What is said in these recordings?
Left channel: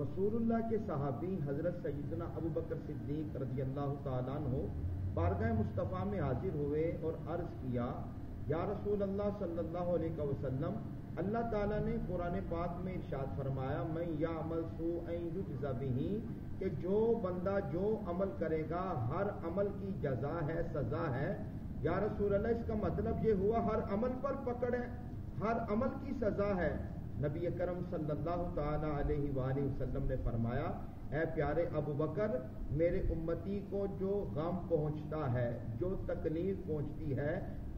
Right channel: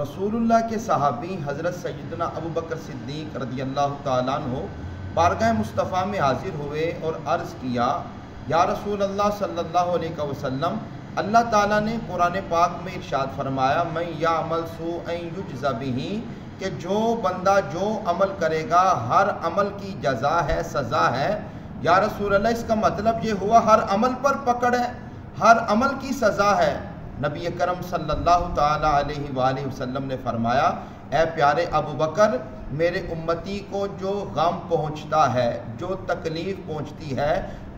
رسول اللہ کے صحابی حضرت سیدنا ابو بکر صدیق رضی اللہ تعالیٰ عنہ بارگاہ مصطفیٰ میں حاضر ہوئے اور عرض کیا، یا رسول اللہ صلی اللہ علیہ وسلم، اللہ تعالیٰ نے قرآن پاک میں ارشاد فرمایا، من یعمل سوءا یجز بہ، کہ جو بندہ جو عمل کرے گا ہر عمل کی جزا ہے، سزا ہے۔ یا رسول اللہ، اس کا مطلب یہ ہوا ہر عمل پر پکڑ ہے، ہر عمل کی سزا ہے؟ نبی کرم صلی اللہ تعالیٰ علیہ وآلہ وسلم نے فرمایا، اے پیارے ابو بکر، میرے امتی کو جو غم پہنچتا ہے، جو تکلیف پہنچتی ہے،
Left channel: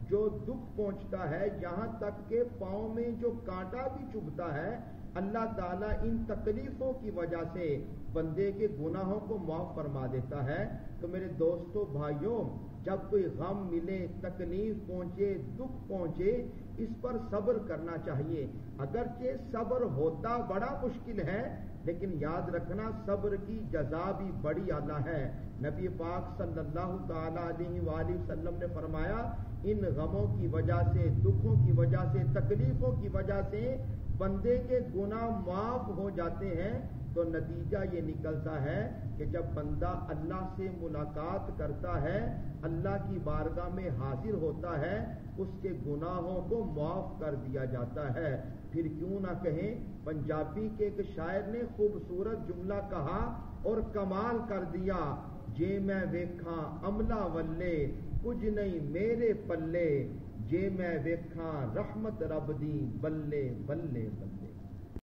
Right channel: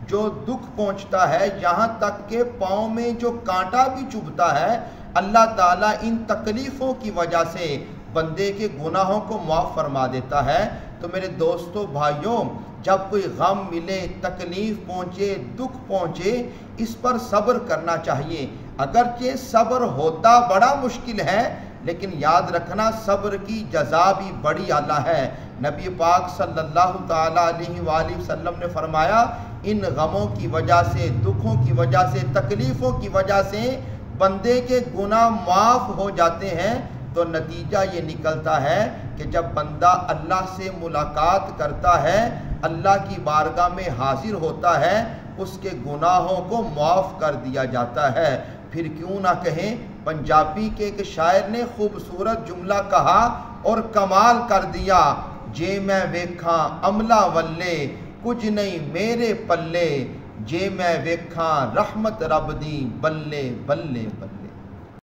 جو دکھ پہنچتا ہے، یہاں تک کہ پاؤں میں جو کانٹا بھی چبھتا ہے، اللہ تعالیٰ ان تکلیفوں کی وجہ سے بندے کے گناہوں کو معاف فرما دیتا ہے۔ تو میرے دوستو بھائیوں، جب کوئی غم ملے، تکلیف پہنچے، دکھ پہنچے، اس پر صبر کرنا چاہیے۔ اگرچہ صبر ہوتا بڑا مشکل ہے، لیکن یاد رکھنا صبر کی جزا بھی بڑی اعلیٰ ہے۔ نبی پاک صلی اللہ تعالیٰ علیہ وآلہ وسلم نے فرمایا، ان غموں کی وجہ سے، دکھوں کی وجہ سے، تکلیفوں کی وجہ سے بندے کے گناہ معاف ہو جاتے ہیں۔ تو نتیجہ یہ نکلتا ہے کہ جب بندہ اللہ سے ملاقات کرتا ہے، اللہ کی بارگاہ میں حاضر ہوتا ہے، اس کے گناہوں کو معاف کر دیا جاتا ہے۔ پھر کیوں نہ کہیں، پنجابی کے ایک شاعر نے خوبصورت جملہ کہا اور کمال کر دیا، جے میں ویکھاں عملہ ولے، کچھ نہیں میرے پلے، جے میں ویکھاں رحمت رب دی، بلے بلے بلے۔